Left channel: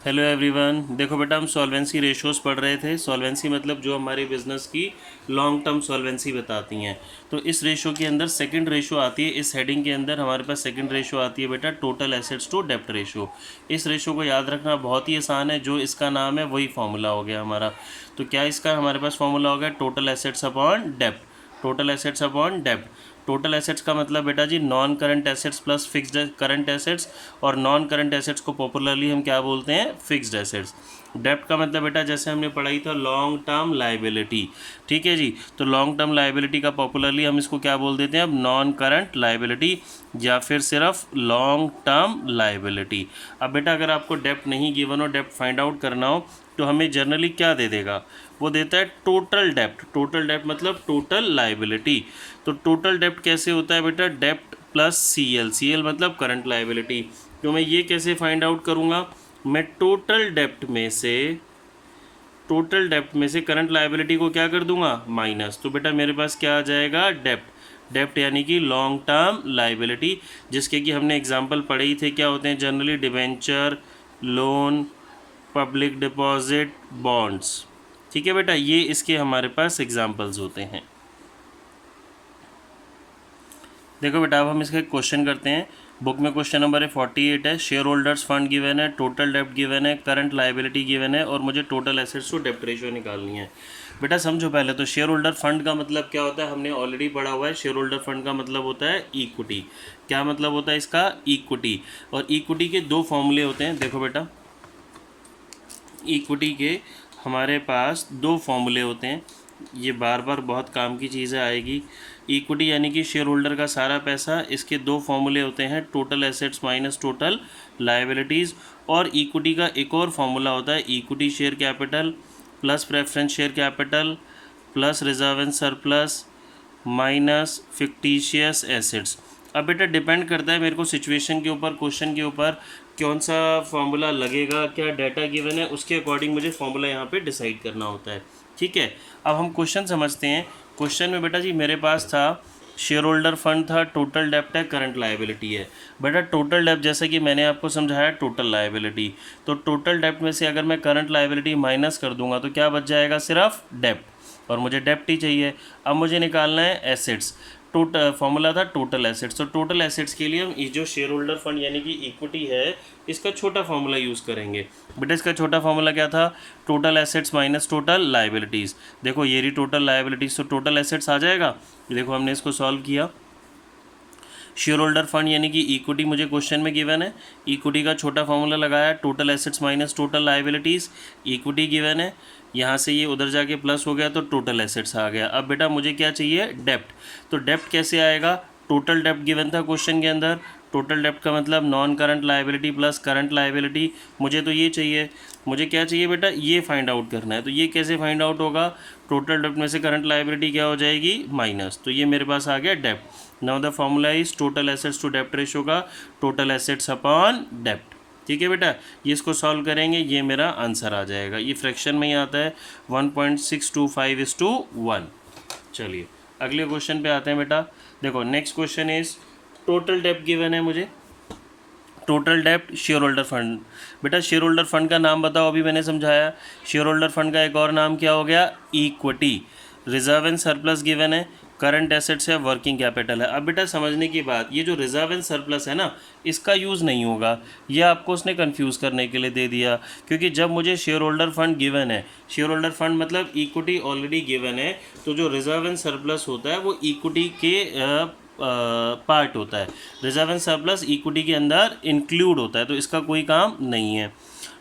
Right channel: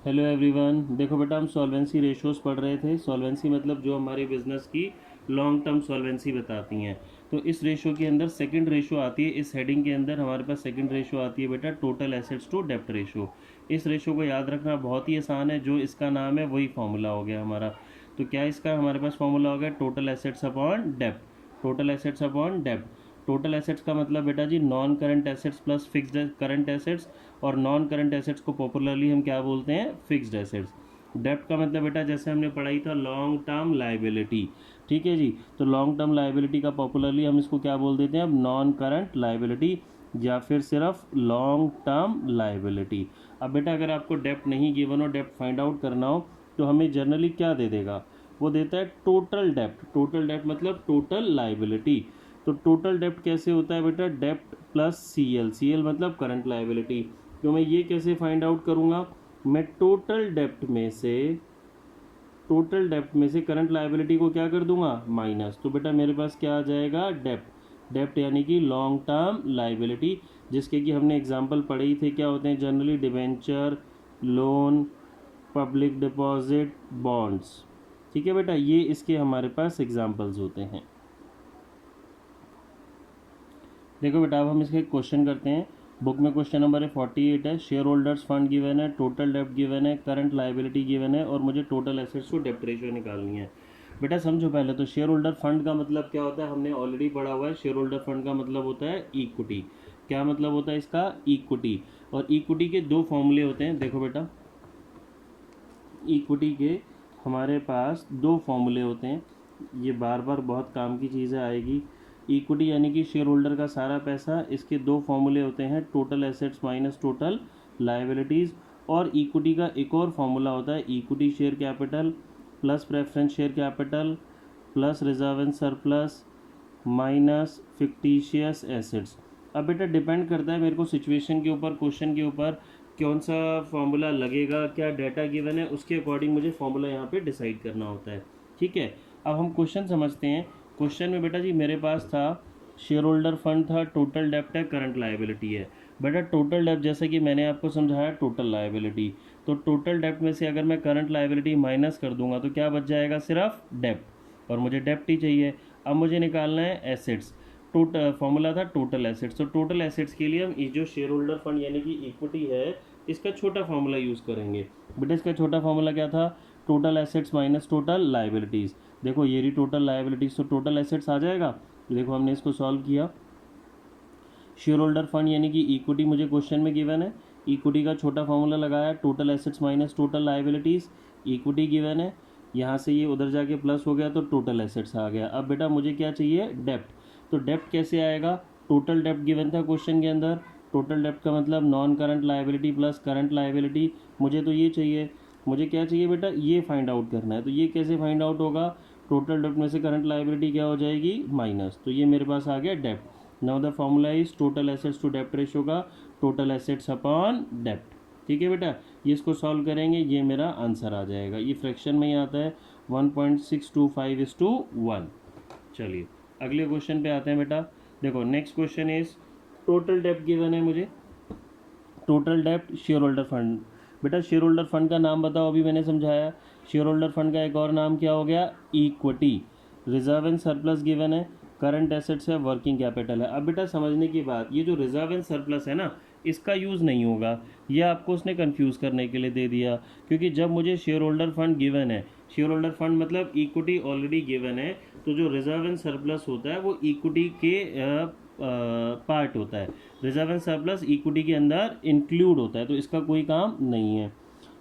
Hello everyone. देखो बेटा, हम सॉल्वेंसी रेशियोज पढ़ रहे थे। सॉल्वेंसी मतलब जो हमारे बिजनेस की लॉन्ग टर्म सॉल्वेंसी बताती हैं। तो इस रेशियो के अंदर सेकंड रेशियो आती है। इस हेडिंग के अंदर हमारे पास सेकंड रेशियो आती है बेटा, टोटल एसेट्स टू डेप्ट रेशियो। इस रेशियो को याद रखना बहुत ही आसान है। जो इसका नाम है वही फॉर्मूला हो गया हमारा। तो क्या इसका हमारे पास फॉर्मूला हो गया? टोटल एसेट्स अपॉन डेप्ट। टोटल एसेट्स अपॉन डेप्ट। टोटल एसेट्स का मतलब बेटा जी non current assets plus fixed current assets, और नॉन करंट एसेट्स को पॉपुलरली हम क्या बोलते हैं? Fixed assets. डेप्ट का मतलब बेटा जैसे हमने पढ़ाई था लॉन्ग टर्म लाइबिलिटी। ठीक है जी। तो लॉन्ग टर्म लाइबिलिटी का पॉपुलरली हम इसको क्या बोल देते हैं अब? नॉन करंट लाइबिलिटी, या फिर सिर्फ लॉन्ग टर्म लाइबिलिटी। अब बेटा अगर आपको डेप्ट नहीं गिवन हो, डेप्ट फाइंड आउट करना हो, तो हमें जनरली क्या दे देगा? वो देता है टोटल डेप्ट। टोटल डेप्ट मतलब टोटल लाइबिलिटी। तो टोटल डेप्ट कैसे होता है बेटा? डेप्ट प्लस सीएल। सीएल मतलब करंट लाइबिलिटी। तो मैं ये कैसे फाइंड आउट करूँगा? मैं टोटल डेप्ट में से करंट लाइबिलिटी को क्या कर दूंगा? माइनस। तो बेटा मेरे पास क्या आ जाएगा? डेप्ट। डेप्ट यानी कि लॉन्ग टर्म लाइबिलिटी, जिसके कि हमने एग्जांपल पढ़े ही थे। क्या होते हैं generally? Debenture, loan, public deposit, bonds. ठीक है बेटा, ये इसके हमारे पास एग्जांपल्स होते हैं। देखो बेटा अब हम इसका एक क्वेश्चन करते हैं। बुक में क्वेश्चन नंबर 48 है। शेयर होल्डर्स फंड गिवन है, टोटल डेप्ट गिवन है, करंट लाइबिलिटी गिवन है, और मुझे टोटल एसेट्स टू डेप्ट रेशियो निकालनी है। बेटा समझो पहले तो, शेयर होल्डर फंड का मतलब क्या होता है? हमने ऑलरेडी पढ़ा हुआ है। शेयर होल्डर फंड का मतलब होता है इक्विटी। क्या मतलब होता है इसका? इक्विटी। और इक्विटी के दो फॉर्मूले होते हैं। देखो बेटा, इक्विटी के हमारे पास दो फॉर्मूले होते हैं। ये बार बार बहुत काम की चीज़ें आएगी। इक्विटी यानी कि शेयर होल्डर का सारा पैसा, इसके दो फॉर्मूले होते हैं, total assets minus total liabilities. और इक्विटी का एक और फॉर्मूला होता है, equity share capital plus preference share capital plus reserve and surplus minus fictitious assets. अब बेटा डिपेंड करता है मेरे को सिचुएशन के ऊपर, क्वेश्चन के ऊपर, कौन सा फार्मूला लगेगा, क्या डाटा गिवन है, उसके अकॉर्डिंग मुझे फार्मूला यहाँ पे डिसाइड करना होता है। ठीक है। अब हम क्वेश्चन समझते हैं। क्वेश्चन में बेटा जी मेरे पास था शेयर होल्डर फंड था, टोटल डेप्ट है, करंट लायबिलिटी है। बेटा टोटल डेप्ट जैसे कि मैंने आपको समझाया टोटल लायबिलिटी, तो टोटल डेप्ट में से अगर मैं करंट लायबिलिटी माइनस कर दूंगा तो क्या बच जाएगा? सिर्फ डेप्ट, और मुझे डेप्ट ही चाहिए। अब मुझे निकालना है एसेट्स। टोटल फॉर्मूला था टोटल एसेट्स। तो टोटल एसेट्स के लिए हम ये जो शेयर होल्डर फंड यानी कि इक्विटी है, इसका छोटा फॉर्मूला यूज़ करेंगे। बेटा इसका छोटा फॉर्मूला क्या था? Total assets minus total liabilities. देखो ये रही टोटल लायबिलिटीज़, तो टोटल एसेट्स आ जाएगा। देखो हमने इसको सॉल्व किया। शेयर होल्डर फंड यानी कि इक्विटी मुझे क्वेश्चन में गिवन है। इक्विटी का छोटा फॉर्मूला लगाया, total assets minus total liabilities. Equity given है, यहाँ से ये उधर जाके प्लस हो गया तो टोटल एसेट्स आ गया। अब बेटा मुझे क्या चाहिए? डेप्ट। तो डेप्ट कैसे आएगा? टोटल डेप्ट गिवन था क्वेश्चन के अंदर। टोटल डेप्ट का मतलब non current liability plus current liability. मुझे तो ये चाहिए। मुझे क्या चाहिए बेटा? ये फाइंड आउट करना है। तो ये कैसे फाइंड आउट होगा? टोटल डेप्ट में से करंट लायबिलिटी क्या हो जाएगी? माइनस। तो ये मेरे पास आ गया डेप्ट। Now the formula is total assets to डेप्ट रेशियो का टोटल एसेट्स अपॉन डेप्ट। ठीक है बेटा, ये इसको सॉल्व करेंगे, ये मेरा आंसर आ जाएगा। ये फ्रैक्शन में ही आता है 1.625:1। चलिए अगले क्वेश्चन पे आते हैं बेटा। देखो नेक्स्ट क्वेश्चन इज टोटल डेप्ट गिवन है मुझे। टोटल डेप्ट शेयर होल्डर फंड। बेटा शेयर होल्डर फंड का नाम बताओ, अभी मैंने समझाया। शेयर होल्डर फंड का एक और नाम क्या हो गया? Equity. Reserve and surplus given है, करंट एसेट्स है, वर्किंग कैपिटल है। अब बेटा समझने की बात, ये जो रिजर्व एंड सरप्लस है ना, इसका यूज़ नहीं होगा। ये आपको उसने कंफ्यूज करने के लिए दे दिया, क्योंकि जब मुझे शेयर होल्डर फंड गिवन है, शेयर होल्डर फंड मतलब इक्विटी ऑलरेडी गिवन है, तो जो रिजर्व एंड सरप्लस होता है वो इक्विटी के पार्ट होता है। रिजर्व एंड सरप्लस इक्विटी के अंदर इंक्लूड होता है, तो इसका कोई काम नहीं है।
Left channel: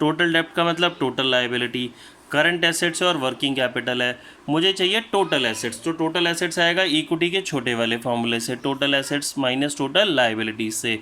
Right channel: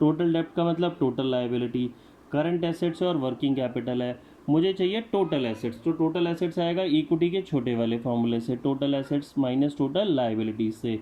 टोटल डेप्ट का मतलब टोटल लायबिलिटी, करंट एसेट्स और वर्किंग कैपिटल है। मुझे चाहिए टोटल एसेट्स, तो टोटल एसेट्स आएगा इक्विटी के छोटे वाले फॉर्मूले से, total assets minus total liabilities से।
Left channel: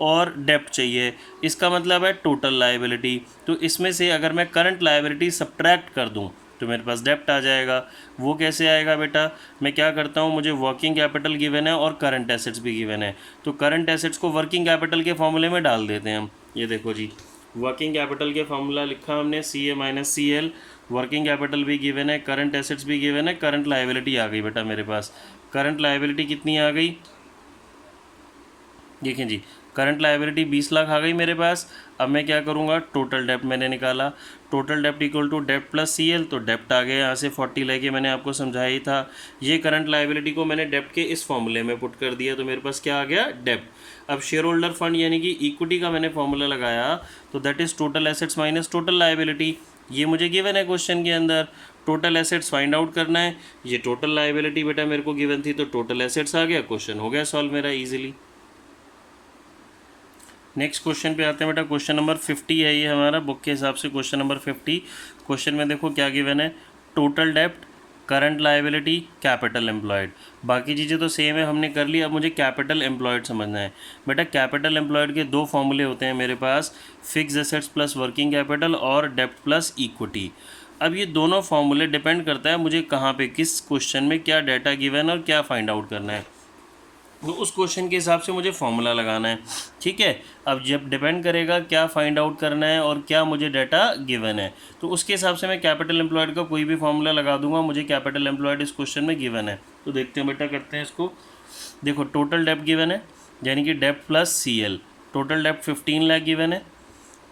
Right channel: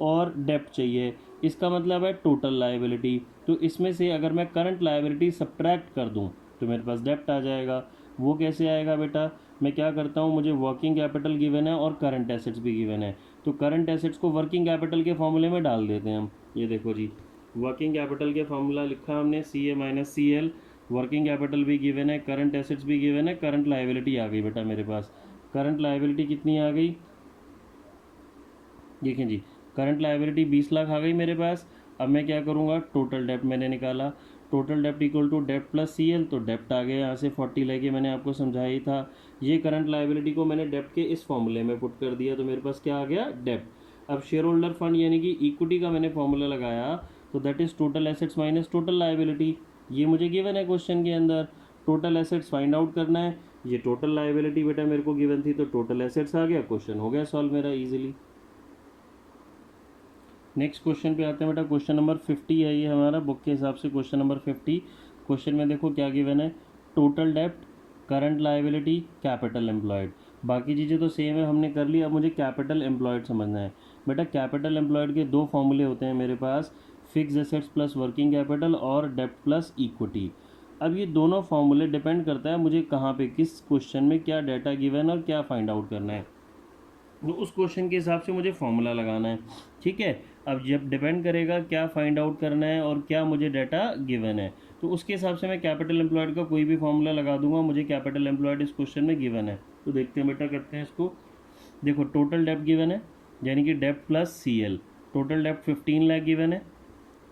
और डेप्ट चाहिए, इसका मतलब है टोटल लायबिलिटी। तो इसमें से अगर मैं करंट लायबिलिटी सब्ट्रैक्ट कर दूं तो मेरे पास डेप्ट आ जाएगा। वो कैसे आएगा बेटा? मैं क्या करता हूँ, मुझे वर्किंग कैपिटल गिवन है और करंट एसेट्स भी गिवन है, तो करंट एसेट्स को वर्किंग कैपिटल के फॉर्मूले में डाल देते हैं हम। ये देखो जी, वर्किंग कैपिटल के फॉर्मूला लिखा हमने, C A minus C L. Working capital भी गिवन है, करंट एसेट्स भी गिवन है, करंट लायबिलिटी आ गई बेटा मेरे पास। करंट लायबिलिटी कितनी आ गई? देखें जी, करंट लाइबिलिटी 20 लाख आ गई मेरे पास। अब मैं क्या करूँगा, टोटल डेप्ट मैंने निकाला, टोटल डेप्ट इक्वल टू डेप्ट प्लस CL, तो डेप्ट आ गया यहाँ से 40 लेके, मैंने आपको समझाया ही था। ये करंट लाइबिलिटी को मैंने डेप्ट के इस फॉर्मूले में पुट कर दिया, तो मेरे पास क्या आ गया, डेप्ट। अब शेयर होल्डर फंड यानी कि इक्विटी का मैंने फॉर्मूला लगाया, तो that is total assets minus total liability. ये मुझे गिवन है क्वेश्चन के अंदर, टोटल एसेट्स फाइंड आउट करना है। ये टोटल लाइबिलिटी बेटा मेरे को गिवन थी, तो टोटल एसेट्स आ गया, क्वेश्चन हो गया सॉल्व मेरा इजीली। नेक्स्ट क्वेश्चन पे आते हैं बेटा, क्वेश्चन नंबर 50 है ये हमारा बुक के हिसाब से, क्वेश्चन नंबर 50। क्वेश्चन में देखो क्या गिवन है, टोटल डेप्ट, करंट लाइबिलिटी, कैपिटल एम्प्लॉयड। बाकी चीज़ें तो सेम है, हमने कर ली। अब मुझे कैपिटल एम्प्लॉयड समझना है बेटा। कैपिटल एम्प्लॉयड के दो फॉर्मूले होते हैं मेरे पास, fix assets plus working capital और डेप्ट प्लस इक्विटी। अब ये दोनों फॉर्मूले डिपेंड करता है मुझे कहाँ पे, किस क्वेश्चन में क्या डाटा गिवन है और क्या फाइंड आउट करना है, तो उस क्वेश्चन के हिसाब से मुझे फॉर्मूला लगाना है। ठीक है, अब जब डिपेंड करेगा क्या फाइंड आउट करना है और क्या मुझे डाटा गिवन है, तो उसके हिसाब से मैं कैपिटल एम्प्लॉयड का कोई भी फॉर्मूला लगा दूंगा। मुझे कैपिटल एम्प्लॉयड इस क्वेश्चन में गिवन है, तो देखते हैं बेटा, करते हैं इसको। देखो टोटल डेप्ट गिवन है, यानी कि डेप्ट प्लस CL। टोटल डेप्ट 15 लाख गिवन है,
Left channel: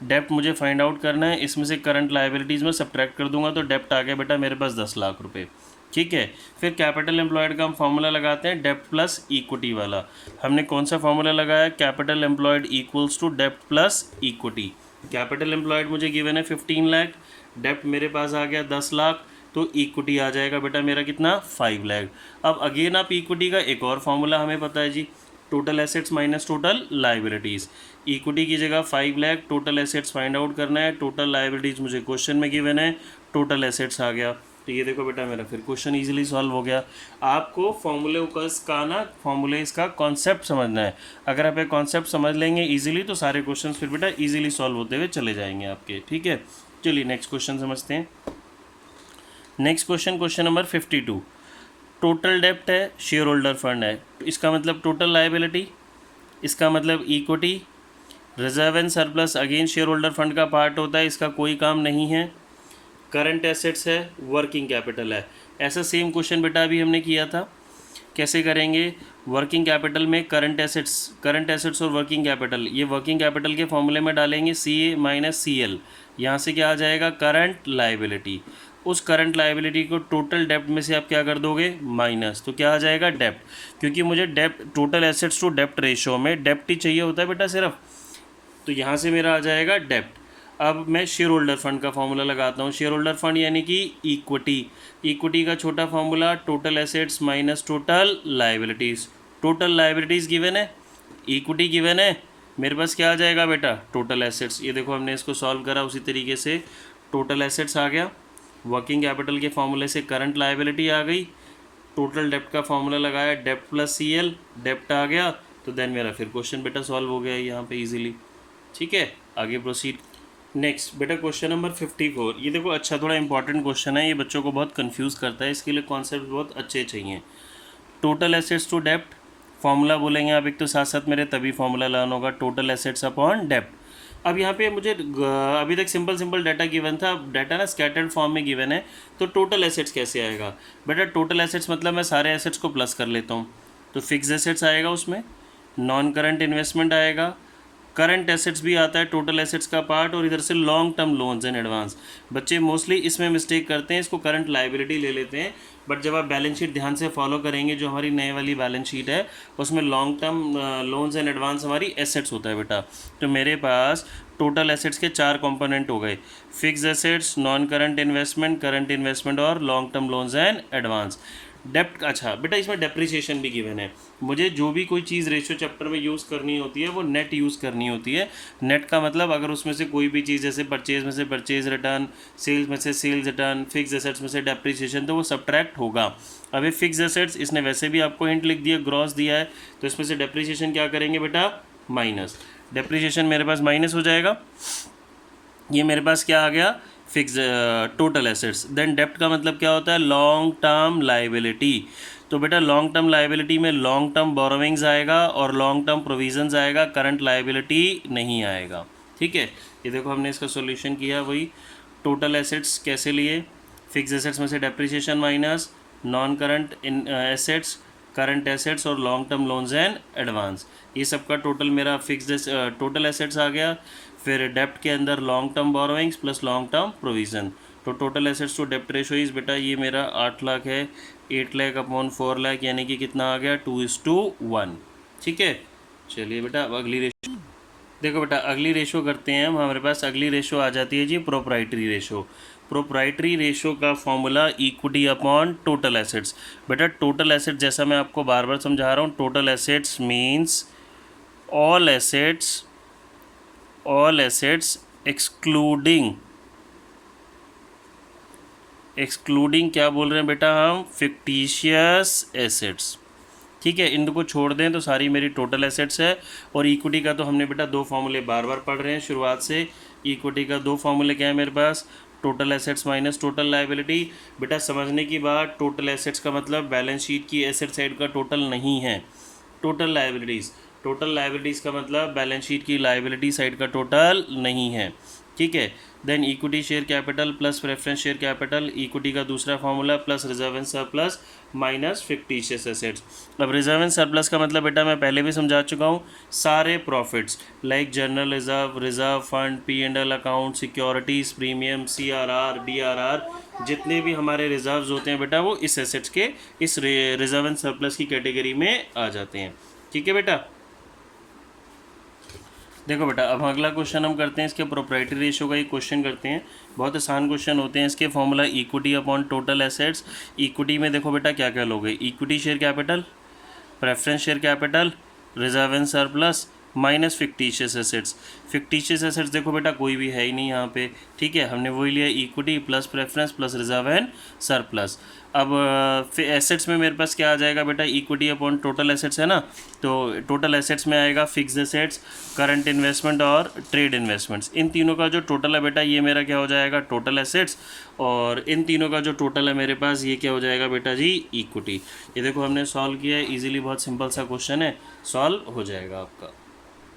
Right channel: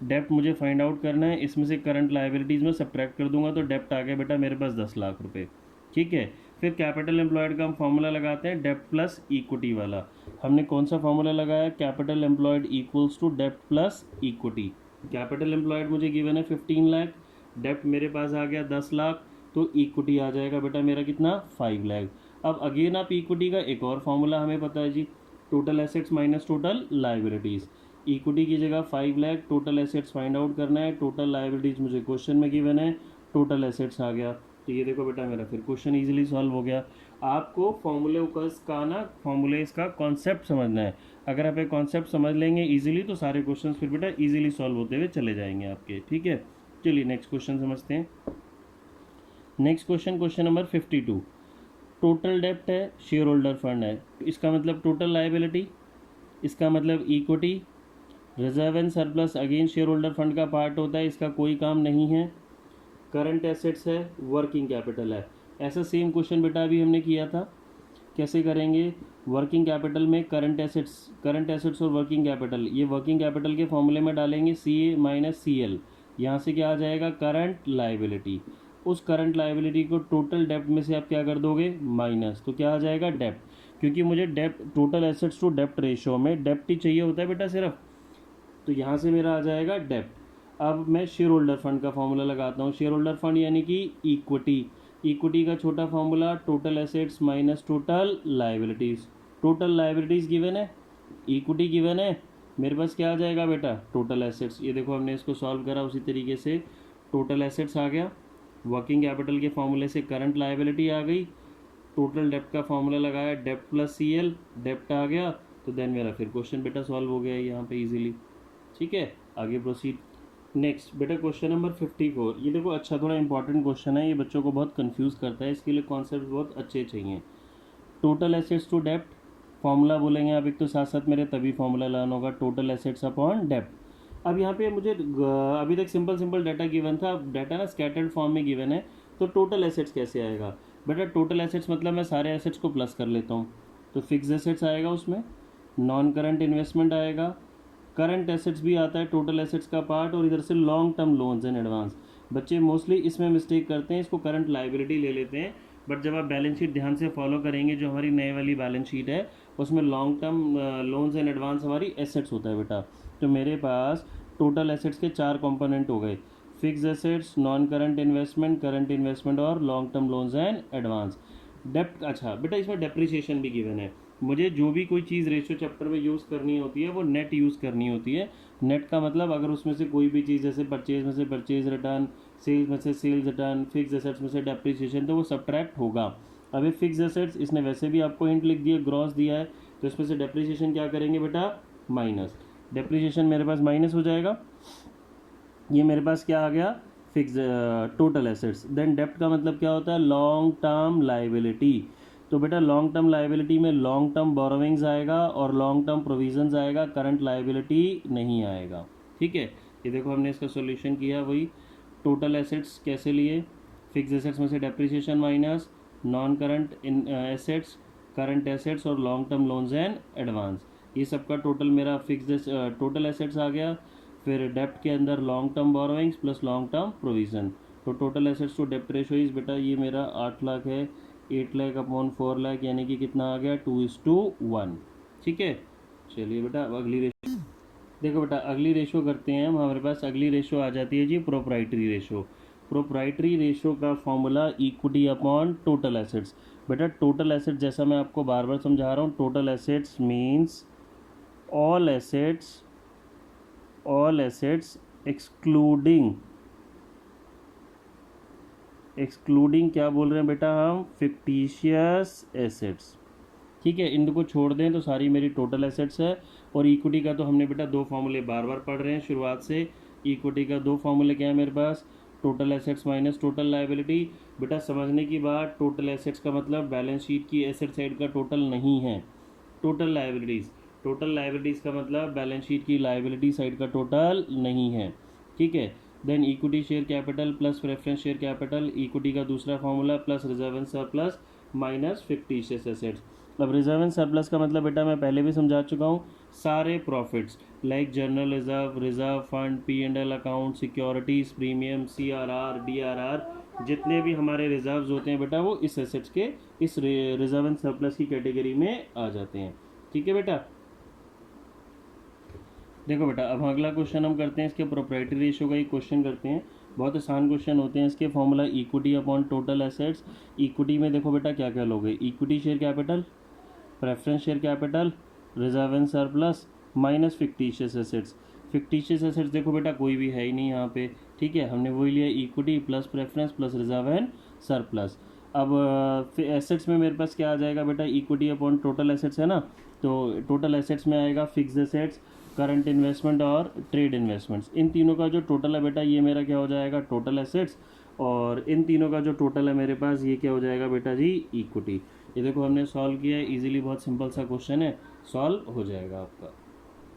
डेप्ट मुझे फाइंड आउट करना है, इसमें से करंट लाइबिलिटीज़ में सब्ट्रैक्ट कर दूंगा, तो डेप्ट आ गया बेटा मेरे पास 10 लाख रुपये। ठीक है, फिर कैपिटल एम्प्लॉयड का हम फार्मूला लगाते हैं, डेप्ट प्लस इक्विटी वाला। हमने कौन सा फार्मूला लगाया, कैपिटल एम्प्लॉयड इक्वल्स टू डेप्ट प्लस इक्विटी। कैपिटल एम्प्लॉयड मुझे गिवन है 15 लाख, डेप्ट मेरे पास आ गया 10 लाख, तो इक्विटी आ जाएगा बेटा मेरा कितना, 5 लाख। अब अगेन आप इक्विटी का एक और फार्मूला हमें पता है जी, total assets minus total liabilities. Equity की जगह 5 lakh, total assets find out करना है, टोटल लाइबिलिटीज़ मुझे क्वेश्चन में गिवन है, टोटल एसेट्स आ गया। तो ये देखो बेटा मेरा फिर क्वेश्चन इजीली सॉल्व हो गया। आपको फॉर्मूले का ना, फॉर्मूले इसका कॉन्सेप्ट समझना है। अगर आप ये कॉन्सेप्ट समझ लेंगे इजीली, तो सारे क्वेश्चंस फिर बेटा इजीली सॉल्व होते हुए चले जाएंगे आपके। ठीक है, चलिए नेक्स्ट क्वेश्चन समझते हैं। Next question, question number 52। Total डेप्ट है, शेयर होल्डर फंड है, तो इसका मतलब टोटल लाइबिलिटी, इसका मतलब equity, reserve and surplus again share holder fund का पार्ट होता है, इसका कोई काम नहीं है। करंट एसेट्स है, वर्किंग कैपिटल है। ऐसा सेम क्वेश्चन बेटा अभी हमने किया था, कैसे करेंगे, वर्किंग कैपिटल में करंट एसेट्स और वर्किंग कैपिटल, ये वर्किंग कैपिटल के फॉर्मूले में डालेंगे CA माइनस CL, यहाँ से क्या आ जाएगा, करंट लाइबिलिटी। उस करंट लाइबिलिटी को टोटल डेप्ट में से आप क्या कर दोगे, माइनस, तो क्या आ जाएगा, डेप्ट। क्योंकि मुझे डेप्ट, टोटल एसेट्स टू डेप्ट रेशो में डेप्ट ही चाहिए होता है बेटा सिर्फ, तो यहाँ से मेरा आ जाएगा डेप्ट। अब मैं शेयर होल्डर फंड का फॉर्मूला लगाता हूँ। शेयर होल्डर फंड यानी कि इक्विटी, इक्विटी का छोटा formula total assets minus total liabilities. Total liabilities given है, इक्विटी गिवन है, मेरे पास क्या आ जाएगा बेटा, टोटल एसेट्स। ये देखो हमने इसको सॉल्व करा उसी तरीके से, टोटल एसेट्स आ गया, वर्किंग कैपिटल के फॉर्मूले से करंट लाइबिलिटी आ गई, टोटल डेप्ट का फॉर्मूला लगाया, डेप्ट प्लस CL, डेप्ट आ गया, तो देन मेरा फिर क्वेश्चन बेटा सॉल्व हो गया यहाँ पे इजीली। ठीक है, आगे प्रोसीड। नेक्स्ट बेटा क्वेश्चन नंबर 54। ये देखो अच्छा थोड़ा इंपॉर्टेंट क्वेश्चन है, ये बच्चों को बहुत कंफ्यूज करता है, इसके लिए कॉन्सेप्ट बहुत अच्छे चाहिए। टोटल एसेट्स टू डेप्ट, फॉर्मूला बोलेंगे आप एक, तो साथ साथ मेरे तभी फॉर्मूला लर्न होगा, टोटल एसेट्स अपॉन डेप्ट। अब यहाँ पे मुझे अभी तक सिंपल डाटा गिवन था, डाटा ना स्कैटर्ड फॉर्म में गिवन है, तो टोटल एसेट्स कैसे आएगा बेटा, टोटल एसेट्स मतलब मैं सारे एसेट्स को प्लस कर लेता हूँ, तो फिक्स एसेट्स आएगा, उसमें नॉन करंट इन्वेस्टमेंट आएगा, करंट एसेट्स भी आता है टोटल एसेट्स का पार्ट, और इधर से long term loans and advance. बच्चे मोस्टली इसमें मिस्टेक करते हैं, इसको करंट लाइबिलिटी ले लेते हैं, बट जब आप बैलेंस शीट ध्यान से फॉलो करेंगे, जो हमारी नए वाली बैलेंस शीट है, उसमें long term loans and advance हमारी एसेट्स होता है बेटा। तो मेरे पास टोटल एसेट्स के 4 कंपोनेंट हो गए, fix assets, non current investment और long term loans and advance. डेप्ट, अच्छा बेटा इसमें डेप्रिसिएशन भी गिवन है। मुझे जो भी कोई चीज़ रेशियो चैप्टर में यूज़ करनी होती है वो नेट यूज़ करनी होती है। नेट का मतलब अगर उसमें से कोई भी चीज़, जैसे परचेज में से परचेज रिटर्न, सेल्स में से सेल्स रिटर्न, फिक्स एसेट्स में से डेप्रिसिएशन, तो वो सब्ट्रैक्ट होगा। अभी फिक्स एसेट्स इसने वैसे भी आपको हिंट लिख दिया, ग्रॉस दिया है, तो इसमें से डेप्रिसिएशन क्या करेंगे बेटा, माइनस। डेप्रिसिएशन मेरे पास माइनस हो जाएगा, ये मेरे पास क्या आ गया, फिक्स टोटल एसेट्स। देन डेप्ट का मतलब क्या होता है, लॉन्ग टर्म लाइबिलिटी। तो बेटा लॉन्ग टर्म लाइबिलिटी में लॉन्ग टर्म बोरोविंग्स आएगा और लॉन्ग टर्म प्रोविजंस आएगा, करंट लाइबिलिटी नहीं आएगा। ठीक है, ये देखो हमने इसका सॉल्यूशन किया, वही टोटल एसेट्स कैसे लिए, फिक्स एसेट्स में से depreciation minus, non current assets, current assets और long term loans and advance. ये सबका टोटल मेरा फिक्स्ड टोटल एसेट्स आ गया। फिर डेप्ट के अंदर long term borrowings plus long term provision, तो टोटल एसेट्स टू डेप्ट रेशो इज़ बेटा ये मेरा 8 लाख है, 8 लाख अपॉन 4 लाख यानी कि कितना आ गया 2:1। ठीक है, चलिए बेटा अब अगली रेशो देखो बेटा, अगली रेशो करते हैं हम। हमारे पास अगली रेशो आ जाती है जी प्रोप्राइटरी रेशो। प्रोप्राइटरी रेशो का formula equity upon total assets. बेटा टोटल एसेट जैसा मैं आपको बार बार समझा रहा हूँ, total assets means all assets excluding क्या बोल रहे हैं बेटा हम, फिक्टिशियस एसेट्स। ठीक है, इनको छोड़ दें तो सारी मेरी टोटल एसेट्स है। और इक्विटी का तो हमने बेटा दो फॉर्मूले बार बार पढ़ रहे हैं शुरुआत से। इक्विटी का दो फॉर्मूले क्या है मेरे पास, total assets minus total liability. बेटा समझने की बात, टोटल एसेट्स का मतलब बैलेंस शीट की एसेट साइड का टोटल नहीं है। टोटल लायबिलिटीज़ का मतलब बैलेंस शीट की लायबिलिटी साइड का टोटल नहीं है। ठीक है, then equity share capital plus preference share capital, equity का दूसरा formula plus reserve and surplus minus fictitious assets. अब रिजर्व एंड सरप्लस का मतलब बेटा मैं पहले भी समझा चुका हूँ, सारे profits like general reserve fund, P&L account, securities, premium, CRR, DRR, जितने भी हमारे रिजर्व्स होते हैं बेटा वो इस एसेट्स के इस रिजर्व एंड सरप्लस की कैटेगरी में आ जाते हैं। ठीक है बेटा, देखो बेटा अब अगला क्वेश्चन हम करते हैं, इसके प्रोप्राइटरी रेशियो का एक क्वेश्चन करते हैं। बहुत आसान क्वेश्चन होते हैं इसके। Formula equity upon total assets. Equity में देखो बेटा क्या क्या लोगे, equity share capital, preference share capital, reserve and surplus minus fictitious assets. Fictitious assets देखो बेटा कोई भी है ही नहीं यहाँ पे। ठीक है, हमने वही लिया equity plus preference plus reserve and surplus. अब फिर एसेट्स में मेरे पास क्या आ जाएगा बेटा, इक्विटी अपॉन टोटल एसेट्स है ना, तो टोटल एसेट्स में आएगा फिक्स्ड एसेट्स, करंट इन्वेस्टमेंट और ट्रेड इन्वेस्टमेंट्स। इन तीनों का जो टोटल है बेटा ये मेरा क्या हो जाएगा, टोटल एसेट्स। और इन तीनों का जो टोटल है मेरे पास ये क्या हो जाएगा बेटा जी, इक्विटी। ये देखो हमने सॉल्व किया है इजीली, बहुत सिंपल सा क्वेश्चन है, सॉल्व हो जाएगा आपका।